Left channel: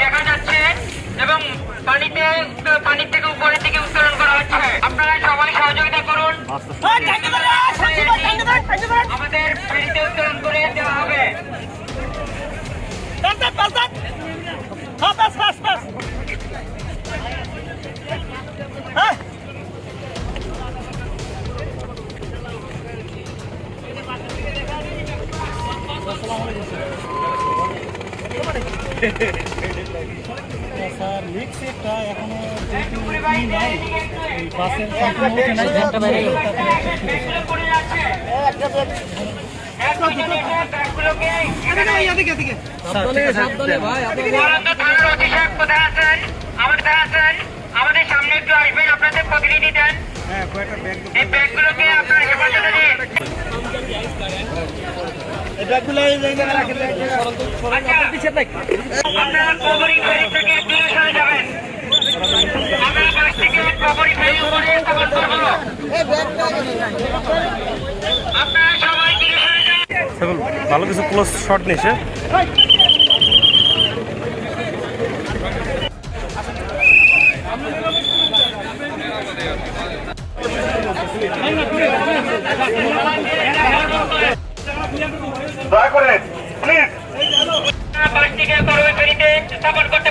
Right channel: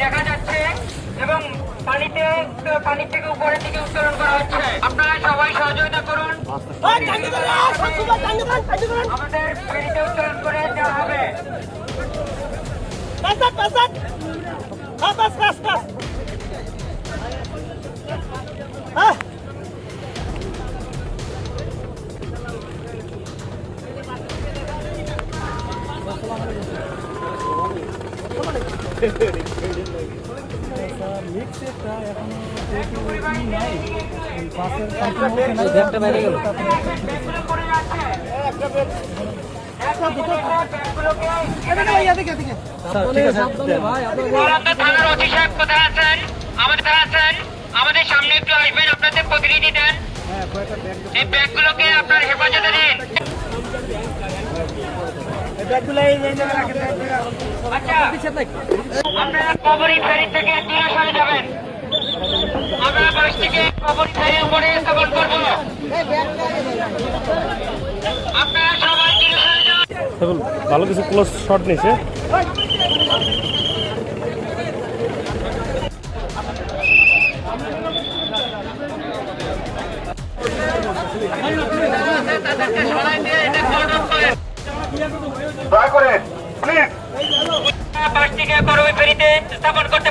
দেখা যাচ্ছে এবং পানি থেকে উপরের দিকে উত্তোলন করা হচ্ছে। আপনারা সবাই সহযোগিতা করুন, আমাদের ফেরিতে উত্তোলন করে দেওয়া হবে। আমাদের সামনে একটু আসবেন, আপনাদের প্রতিনিধি দেন, এই ব্যাগগুলোকে আপনার হেফাজতে দিন। আপনারা কবরী ফেরি থেকে দূরে সরে যাবেন। আমরা বাস থেকে কবরী ফেরি উপরে স্থাপন করব। আপনারা সবাই দূরে সরে যান। ভালো কিছু ক্লোজ শট নিছে। বাস থেকে কবরী ফেরিতে স্থাপন করতে